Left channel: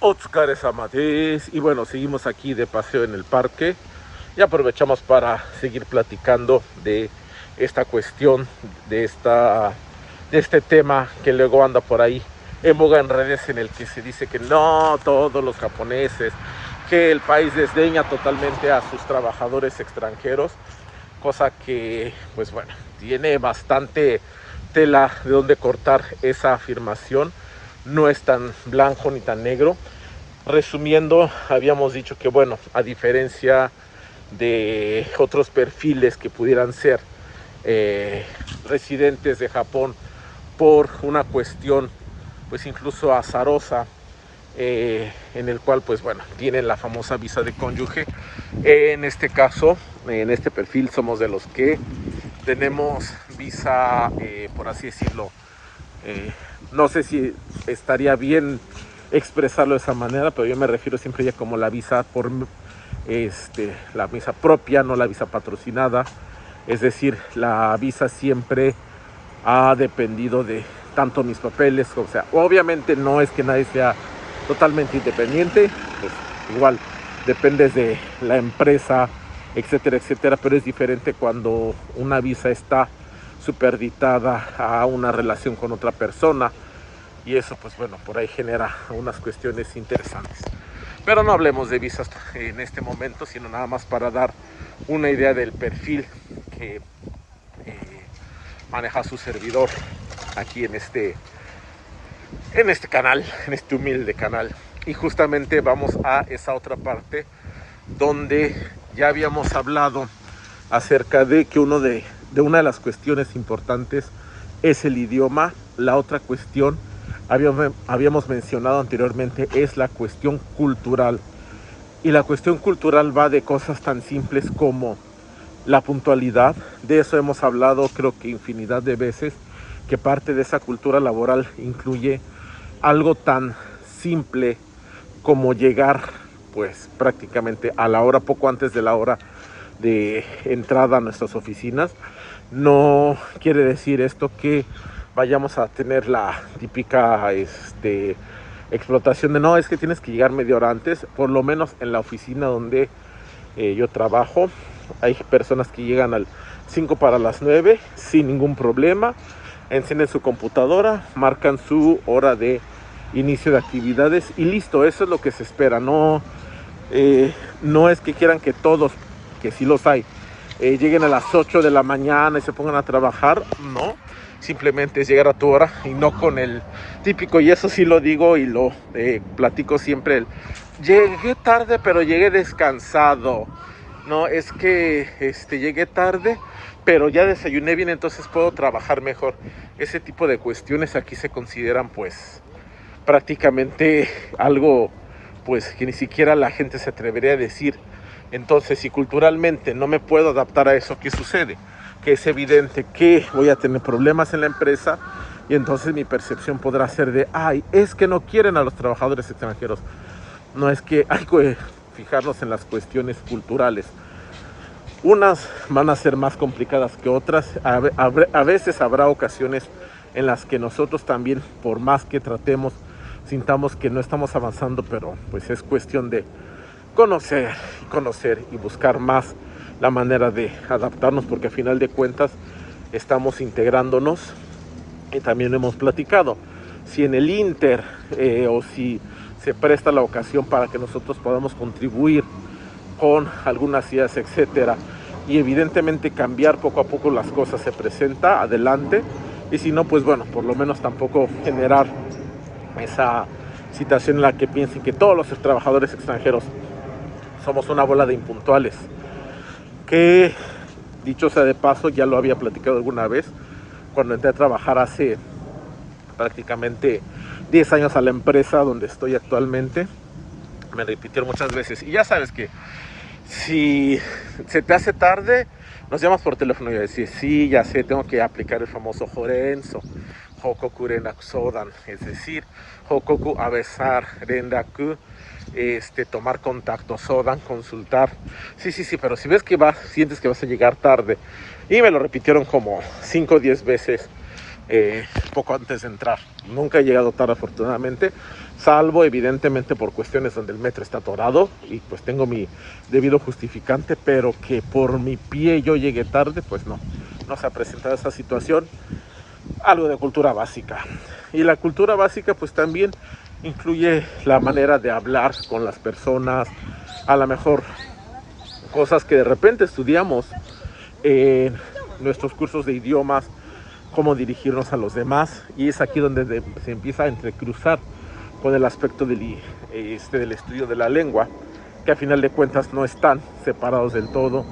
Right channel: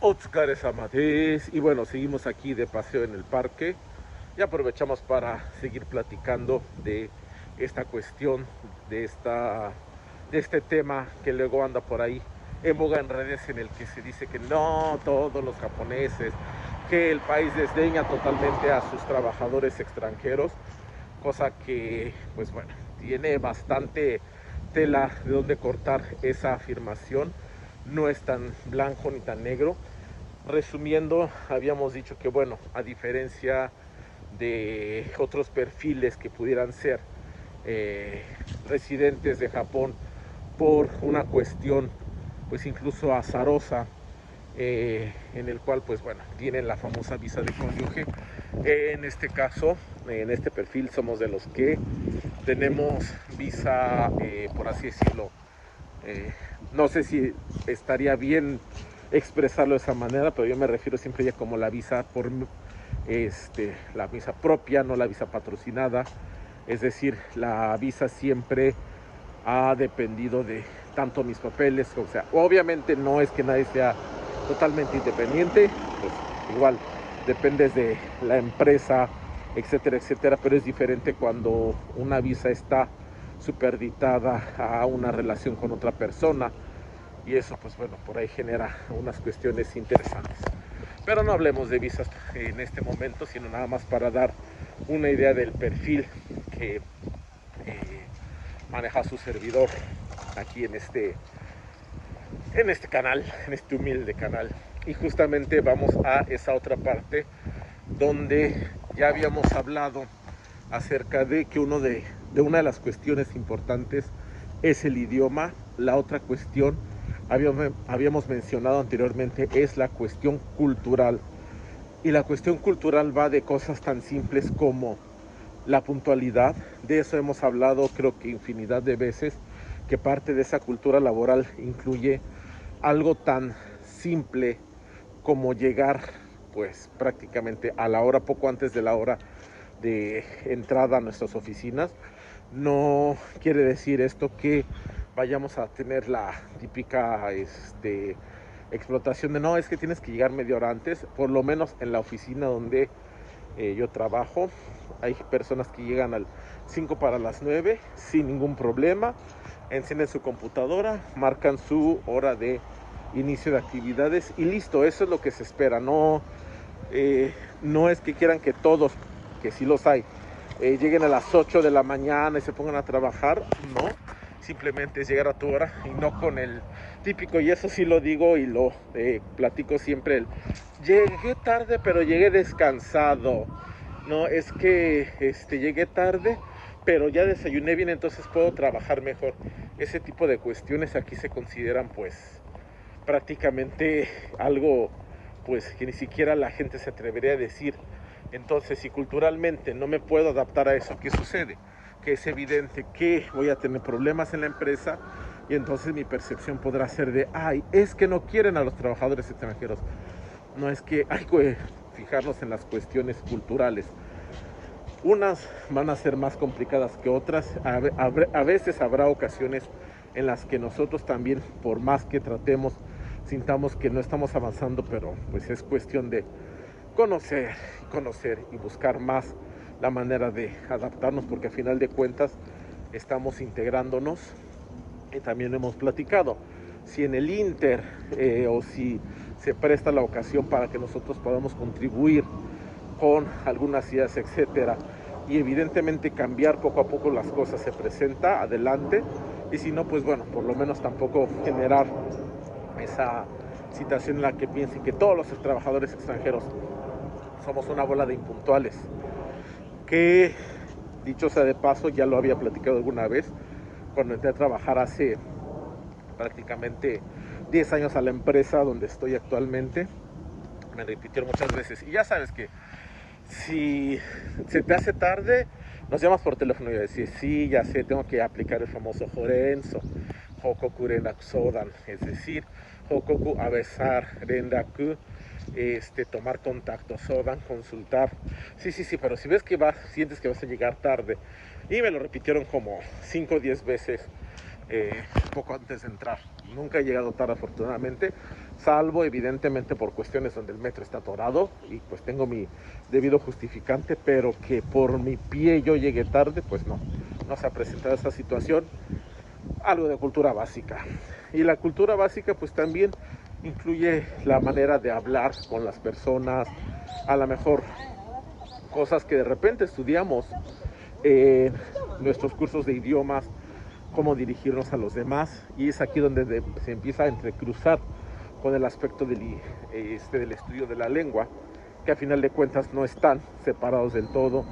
Otsukare-sama desu. Y bueno, seguimos aquí de paseo en el parque y aprovechamos para seguir platicando de esta cuestión, de este tema que luego anda por ahí en boga en redes, en el que se dice que no, todos los japoneses, que el país desdeña totalmente a sus trabajadores extranjeros, cosa que, pues bueno, tiene bastante tela de donde cortar esa afirmación. No es tan blanco ni tan negro. Resumiendo, habíamos dicho que, bueno, a diferencia de otros perfiles que pudieran ser residentes de Japón por una cuestión, pues incluso azarosa, en el cual, pues bueno, tienen la famosa visa de cónyuge. En este caso, en este perfil, somos de los que tenemos visa, por así decirlo, no sé si estaría bien expresarlo de esa manera, pero yo me refiero siempre ya como la visa por la visa propia, no la visa patrocinada. Es decir, la visa siempre ha dependido de tanto mis papeles, o sea, obviamente no es que nadie sea totalmente independiente, pues igual dependes de la empresa, etcétera, etcétera, pero es diferente cuando una visa está superditada a una relación con otra persona, y eso, pues bueno, por ahí genera unas cuestiones interesantes. Pero no hablemos de visas en este momento, sino nada más para dar una idea del perfil que maneja su servidor aquí en este canal, en este humilde canal. Y justamente vamos a esa otra parte donde ya habíamos hablado acerca de que una de las cuestiones importantes es el idioma. La otra cuestión, habíamos mencionado anteriormente, es la cuestión cultural. Y la cuestión cultural va de cosas tan simples como la puntualidad. De eso hemos hablado creo que infinidad de veces, que parte de esa cultura laboral incluye algo tan simple como llegar pues prácticamente a la hora, poco antes de la hora de entrada a nuestras oficinas. No quiere decir esto que vayamos a tener la típica explotación de no, es que tienes que llegar media hora antes. Por lo menos en la oficina donde yo trabajo, hay personas que llegan al 5 para las 9 sin ningún problema, encienden su computadora, marcan su hora de inicio de actividades y listo. Eso es lo que se espera. No es que quieran que todos, que sí los hay, lleguen a las 8 de la mañana y se pongan a trabajar. No, simplemente es llegar a tu hora y no con el típico, y eso sí lo digo y lo platico siempre, llegué tarde pero llegué descansado. No, es que llegué tarde pero ya desayuné bien, entonces puedo trabajar mejor. Ese tipo de cuestiones aquí se consideran pues prácticamente algo pues que ni siquiera la gente se atrevería a decir. Entonces, si culturalmente no me puedo adaptar a eso, ¿qué sucede? Que es evidente que voy a tener problemas en la empresa, y entonces mi percepción podrá ser de, ay, es que no quieren a los trabajadores extranjeros. No, es que hay que fijarnos en las cuestiones culturales. Unas van a ser más complicadas que otras. A veces habrá ocasiones en las que nosotros también, por más que tratemos, sintamos que no estamos avanzando, pero pues es cuestión de conocer y buscar más la manera de adaptarnos, porque a final de cuentas estamos integrándonos. Y también hemos platicado, si en el Inter o si se presta la ocasión para que nosotros podamos contribuir con algunas ideas, etcétera, y evidentemente cambiar poco a poco las cosas, se presenta, adelante. Y si no, pues bueno, por lo menos tampoco generar esa situación en la que piensen que todos los trabajadores extranjeros somos una bola de impuntuales, que dicho sea de paso, ya lo había platicado alguna vez cuando entré a trabajar hace prácticamente 10 años a la empresa donde estoy actualmente. Me repitieron muchas veces, y ya sabes que si se te hace tarde, nos llamas por teléfono y yo decir, sí, ya sé, tengo que aplicar el famoso Jorenzo, Hokoku Rendaku Sodan, es decir, Hokoku Abesar Rendaku, tomar contacto, Sodan, consultar. Sí, sí, sí, pero si ves que sientes que vas a llegar tarde, y me lo repitieron como 5 o 10 veces, poco antes de entrar. Nunca he llegado tarde, afortunadamente. salvo evidentemente por cuestiones donde el metro está atorado y pues tengo mi debido justificante, pero que por mi pie yo llegué tarde, pues no se ha presentado esa situación. Algo de cultura básica. Y la cultura básica pues también incluye la manera de hablar con las personas, a lo mejor cosas que de repente estudiamos en nuestros cursos de idiomas, cómo dirigirnos a los demás, y es aquí donde se empieza a entrecruzar con el aspecto del estudio de la lengua, que a final de cuentas no están separados del todo.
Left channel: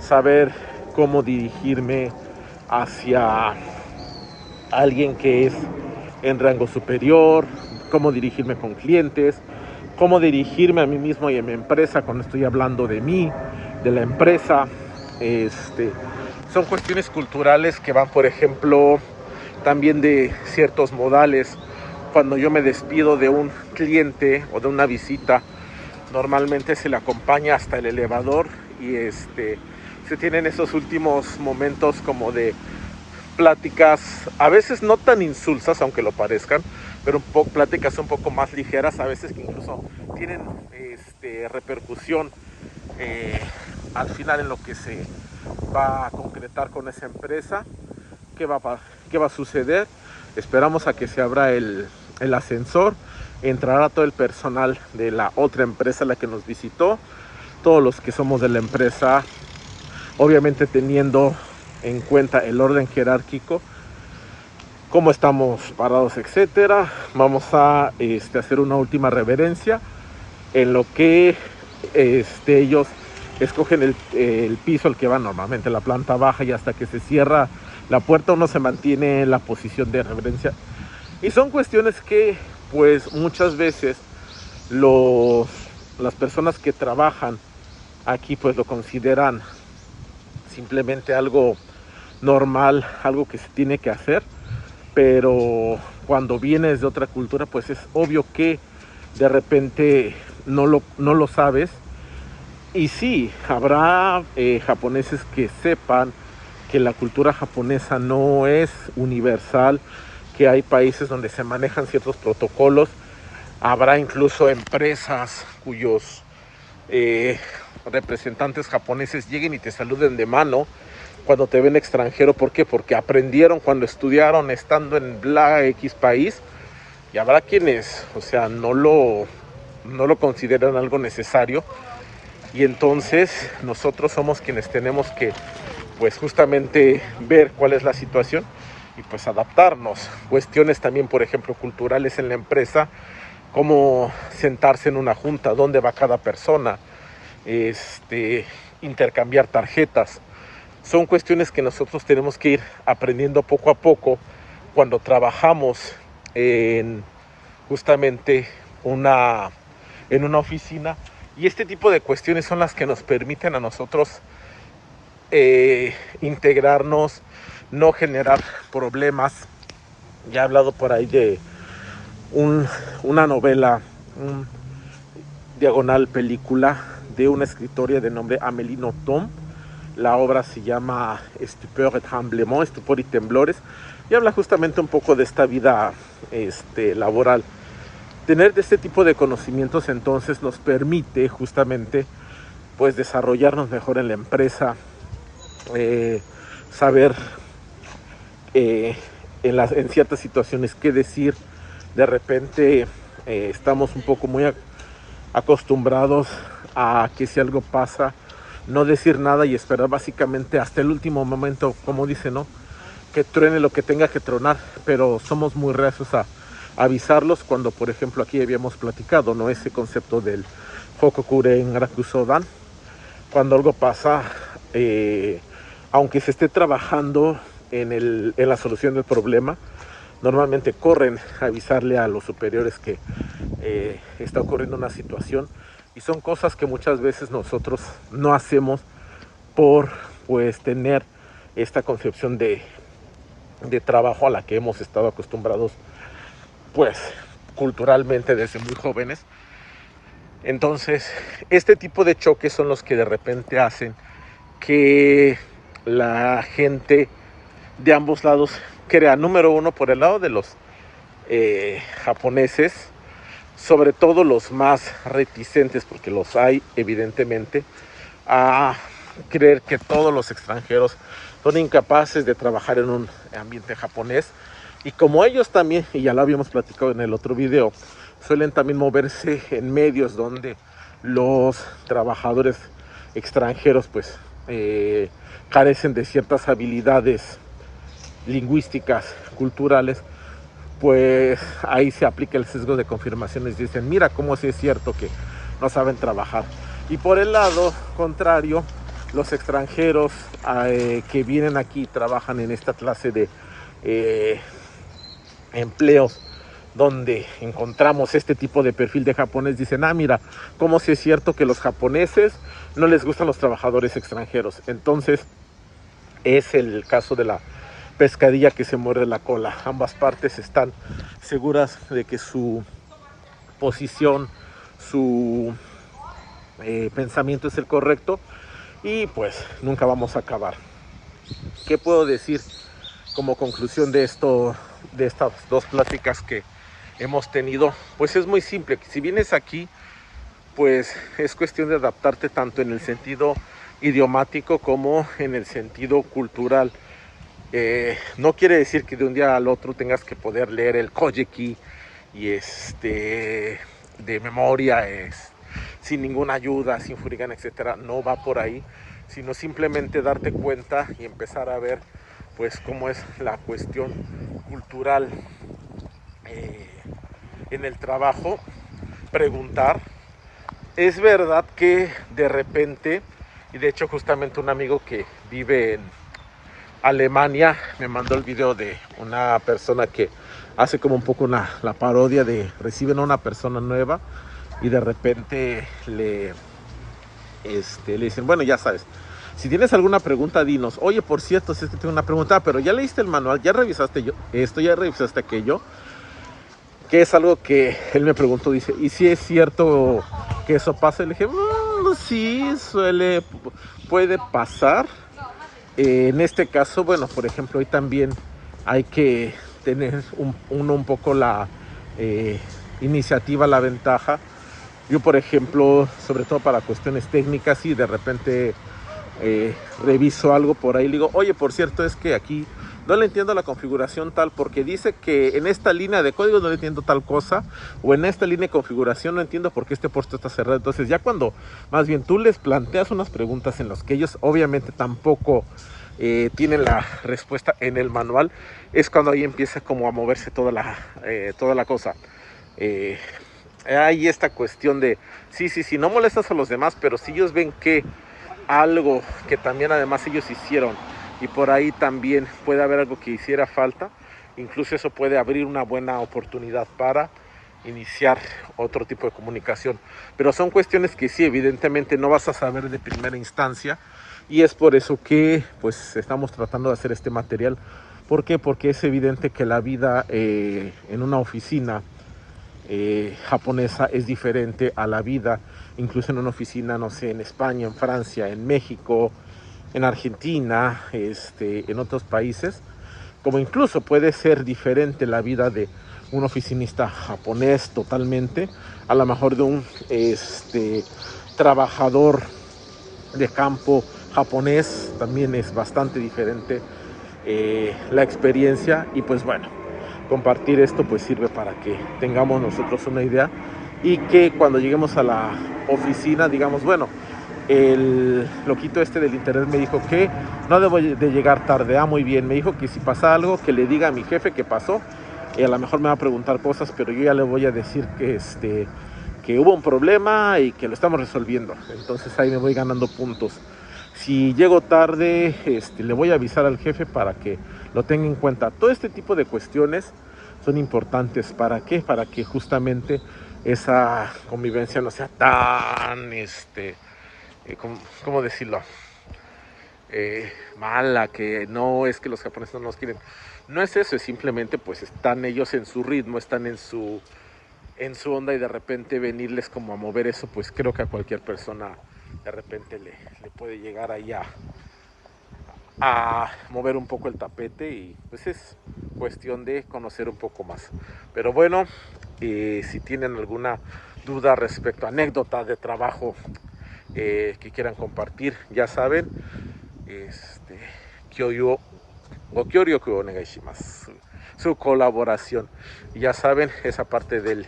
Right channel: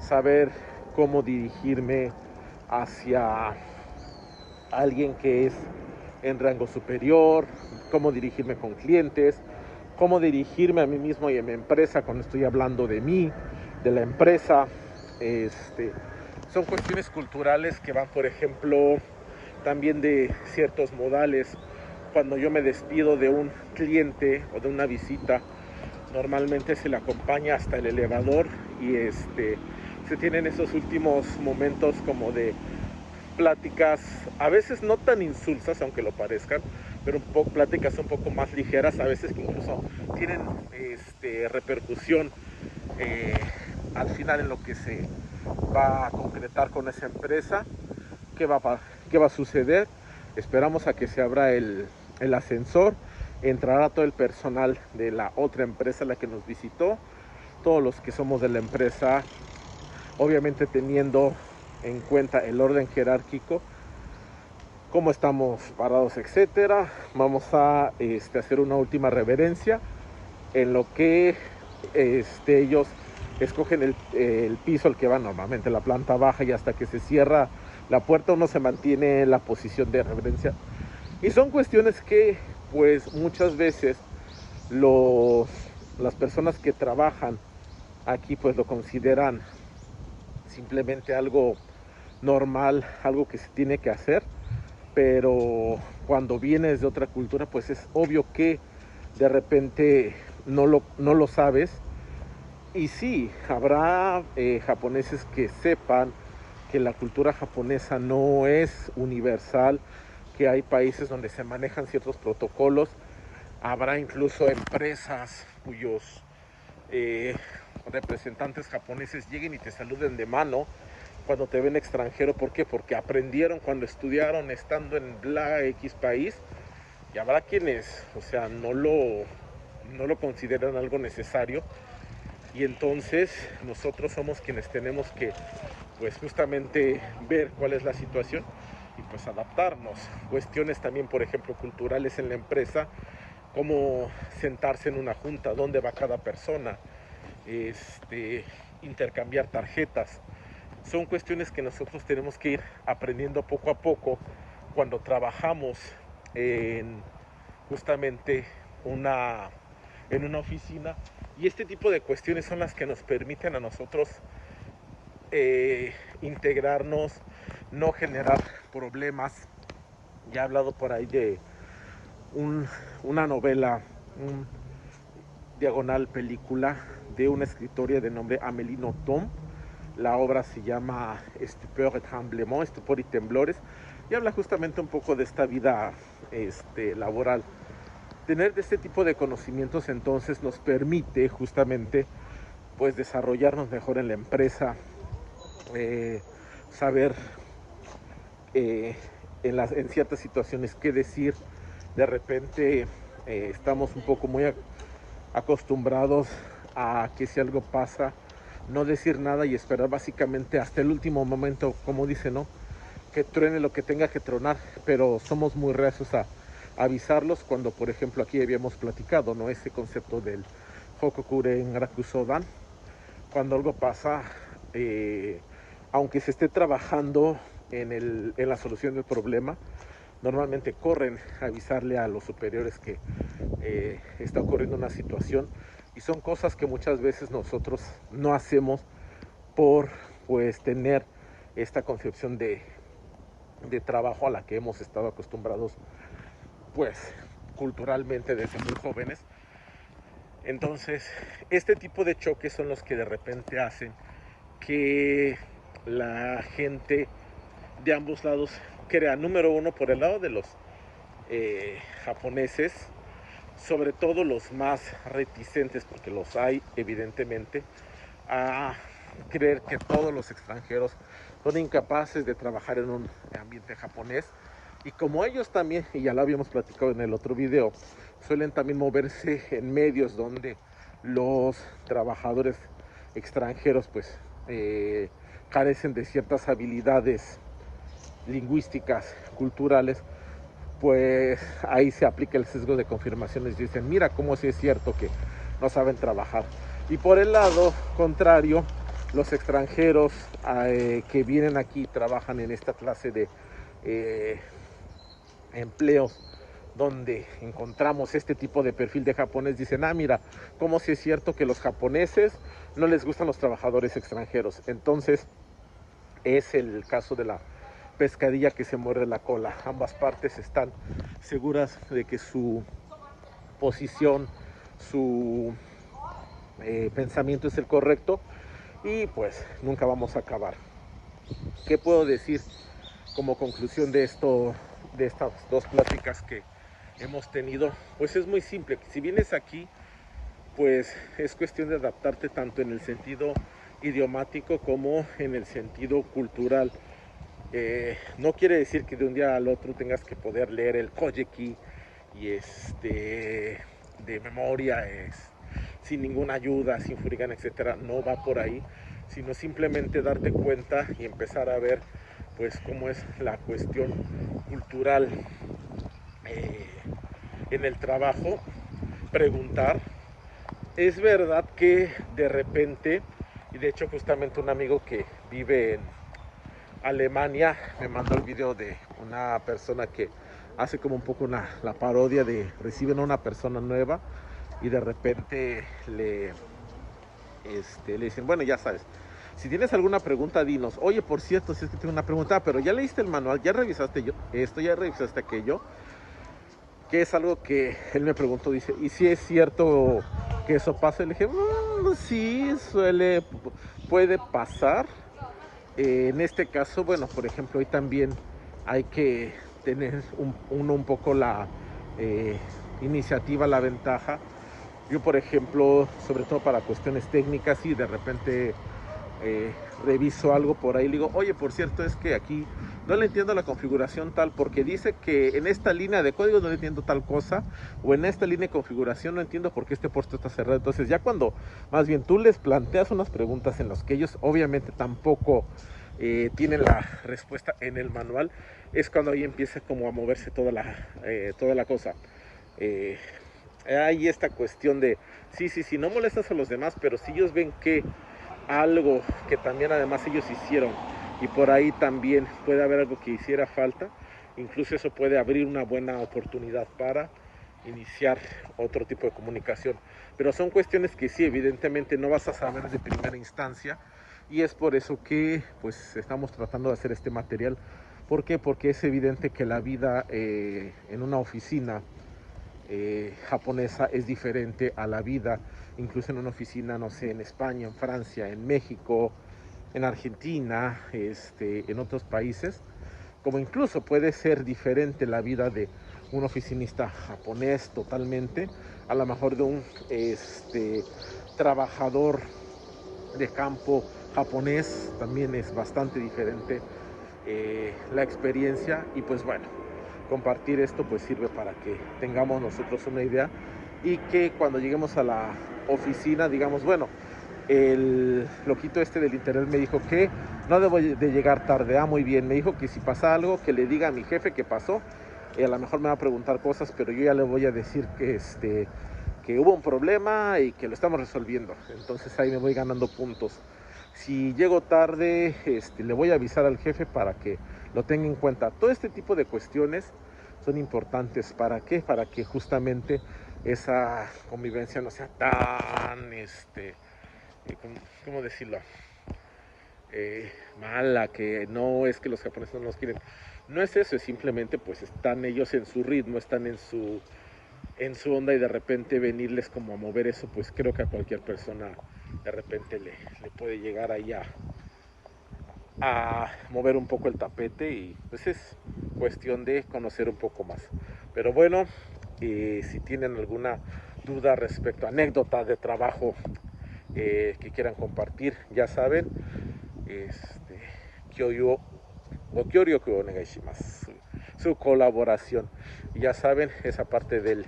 Saber cómo dirigirme hacia alguien que es en rango superior, cómo dirigirme con clientes, cómo dirigirme a mí mismo y a mi empresa cuando estoy hablando de mí, de la empresa. Son cuestiones culturales que van, por ejemplo, también de ciertos modales. Cuando yo me despido de un cliente o de una visita, normalmente se le acompaña hasta el elevador y se tienen esos últimos momentos como de pláticas, a veces no tan insulsas, aunque lo parezcan, pero pláticas un poco más ligeras, a veces que incluso tienen repercusión al final en lo que se va a concretar con esa empresa. ¿Qué va a suceder? Esperamos a que se abra el ascensor, entrará todo el personal de la otra empresa, la que nos visitó, todos los que somos de la empresa, obviamente teniendo en cuenta el orden jerárquico, cómo estamos parados, etcétera. Vamos a hacer una última reverencia en lo que ellos escogen el piso al que va normalmente la planta baja, y hasta que se cierra la puerta uno se mantiene en la posición de reverencia. Y son cuestiones que pues muchas veces las personas que trabajan aquí pues lo consideran simplemente algo normal, algo que se tiene que hacer, pero cuando vienes de otra cultura pues es obvio que de repente no lo sabes. Y sí, habrá japoneses que sepan que la cultura japonesa no es universal, que hay países donde se manejan ciertos protocolos. Habrá incluso empresas cuyos representantes japoneses lleguen y te saluden de mano cuando te ven extranjero. ¿Por qué? Porque aprendieron cuando estudiaron estando en la X país, y habrá quienes, o sea, no lo consideran algo necesario, y entonces nosotros somos quienes tenemos que pues justamente ver cuál es la situación y pues adaptarnos. Cuestiones también, por ejemplo, culturales en la empresa, cómo sentarse en una junta, dónde va cada persona, intercambiar tarjetas. Son cuestiones que nosotros tenemos que ir aprendiendo poco a poco cuando trabajamos en justamente en una oficina, y este tipo de cuestiones son las que nos permiten a nosotros integrarnos, no generar problemas. Ya he hablado por ahí de una novela, un diagonal película de una escritora de nombre Amélie Nothomb. La obra se llama Stupeur et Tremblement, Estupor y Temblores, y habla justamente un poco de esta vida laboral. Tener de este tipo de conocimientos entonces nos permite justamente pues desarrollarnos mejor en la empresa, saber en ciertas situaciones qué decir. De repente estamos un poco muy acostumbrados a que si algo pasa, no decir nada y esperar básicamente hasta el último momento, como dice, ¿no? Que truene lo que tenga que tronar, pero somos muy reacios a avisarlos cuando, por ejemplo, aquí habíamos platicado, ¿no? Ese concepto del Hokokuren Rakusodan. Cuando algo pasa, aunque se esté trabajando en la solución del problema, normalmente corren a avisarle a los superiores que está ocurriendo una situación, y son cosas que muchas veces nosotros no hacemos por pues tener esta concepción de trabajo a la que hemos estado acostumbrados pues culturalmente desde muy jóvenes. Entonces este tipo de choques son los que de repente hacen que la gente de ambos lados crea, número uno, por el lado de los japoneses, sobre todo los más reticentes, porque los hay evidentemente, a creer que todos los extranjeros son incapaces de trabajar en un ambiente japonés. Y como ellos también, y ya lo habíamos platicado en el otro video, suelen también moverse en medios donde los trabajadores extranjeros pues carecen de ciertas habilidades lingüísticas, culturales, pues ahí se aplica el sesgo de confirmación y dicen, mira cómo sí es cierto que no saben trabajar. Y por el lado contrario, los extranjeros que vienen aquí y trabajan en esta clase de empleos donde encontramos este tipo de perfil de japonés, dicen, mira, cómo si es cierto que los japoneses no les gustan los trabajadores extranjeros. Entonces es el caso de la pescadilla que se muerde la cola. Ambas partes están seguras de que su posición, su pensamiento es el correcto, y pues nunca vamos a acabar. ¿Qué puedo decir como conclusión de esto, de estas dos pláticas que hemos tenido? Pues es muy simple. Si vienes aquí, pues es cuestión de adaptarte tanto en el sentido idiomático como en el sentido cultural. No quiere decir que de un día al otro tengas que poder leer el Kojiki y de memoria, sin ninguna ayuda, sin furigana, etcétera. No va por ahí, sino simplemente darte cuenta y empezar a ver pues cómo es la cuestión cultural en el trabajo. Preguntar. Es verdad que de repente, y de hecho justamente un amigo que vive en Alemania me mandó el video de una persona que hace como un poco la parodia de reciben a una persona nueva y de repente le dicen, bueno, ya sabes, si tienes alguna pregunta, dinos. Oye, por cierto, si es que tengo una pregunta, pero ya leíste el manual, ya revisaste esto, ya revisaste aquello, que es algo que él me preguntó, dice, ¿y si es cierto que eso pasa? Y le dije, sí, puede pasar. En este caso, bueno, por ejemplo, hoy también hay que tener uno un poco la iniciativa, la ventaja. Yo, por ejemplo, sobre todo para cuestiones técnicas, y de repente reviso algo por ahí, le digo, oye, por cierto, es que aquí no le entiendo la configuración tal, porque dice que en esta línea de código no le entiendo tal cosa, o en esta línea de configuración no entiendo por qué este puerto está cerrado. Entonces ya cuando más bien tú les planteas unas preguntas en las que ellos obviamente tampoco tienen la respuesta en el manual, es cuando ahí empieza como a moverse toda la cosa. Hay esta cuestión de, sí, no molestas a los demás, pero si ellos ven que algo que también además ellos hicieron y por ahí también puede haber algo que hiciera falta, incluso eso puede abrir una buena oportunidad para iniciar otro tipo de comunicación. Pero son cuestiones que sí, evidentemente no vas a saber de primera instancia, y es por eso que pues estamos tratando de hacer este material. ¿Por qué? Porque es evidente que la vida en una oficina japonesa es diferente a la vida incluso en una oficina, no sé, en España, en Francia, en México, en Argentina, en otros países, como incluso puede ser diferente la vida de un oficinista japonés totalmente, a lo mejor de un trabajador de campo japonés, también es bastante diferente la experiencia. Y pues bueno, compartir esto pues sirve para que tengamos nosotros una idea y que cuando lleguemos a la oficina digamos, bueno, el loquito del internet me dijo que no debo de llegar tarde. Muy bien, me dijo que si pasa algo que le diga a mi jefe que pasó, y a lo mejor me va a preguntar cosas, pero yo ya le voy a decir que hubo un problema y que lo estamos resolviendo. Entonces ahí me voy ganando puntos. Si llego tarde, le voy a avisar al jefe para que lo tenga en cuenta. Todo este tipo de cuestiones son importantes. ¿Para qué? Para que justamente esa convivencia no sea tan, ¿cómo decirlo? Mala, que no es que los japoneses no nos quieren. No es eso, es simplemente pues están ellos en su ritmo, están en su onda, y de repente venirles como a mover eso, pues creo que a cualquier persona de repente le puede llegar ahí a mover un poco el tapete, y pues es cuestión de conocer un poco más. Pero bueno, Si tienen alguna duda respecto a anécdota de trabajo que quieran compartir, ya saben, Kyoyo o Kyoryoku onegai shimasu. Su colaboración. Ya saben, esa parte del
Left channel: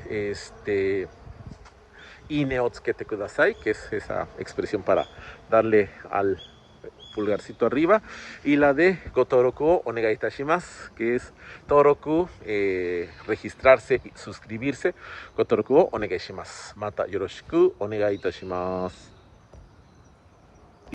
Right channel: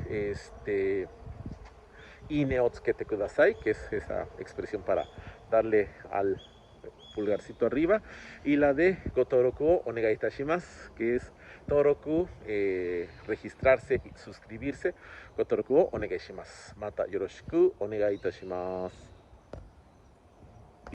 ine o tsukete kudasai, que es esa expresión para darle al pulgarcito arriba, y la de Gotoroku o onegai itashimasu, que es Toroku, registrarse y suscribirse. Gotoroku o onegai shimasu. Mata yoroshiku onegai itashimasu.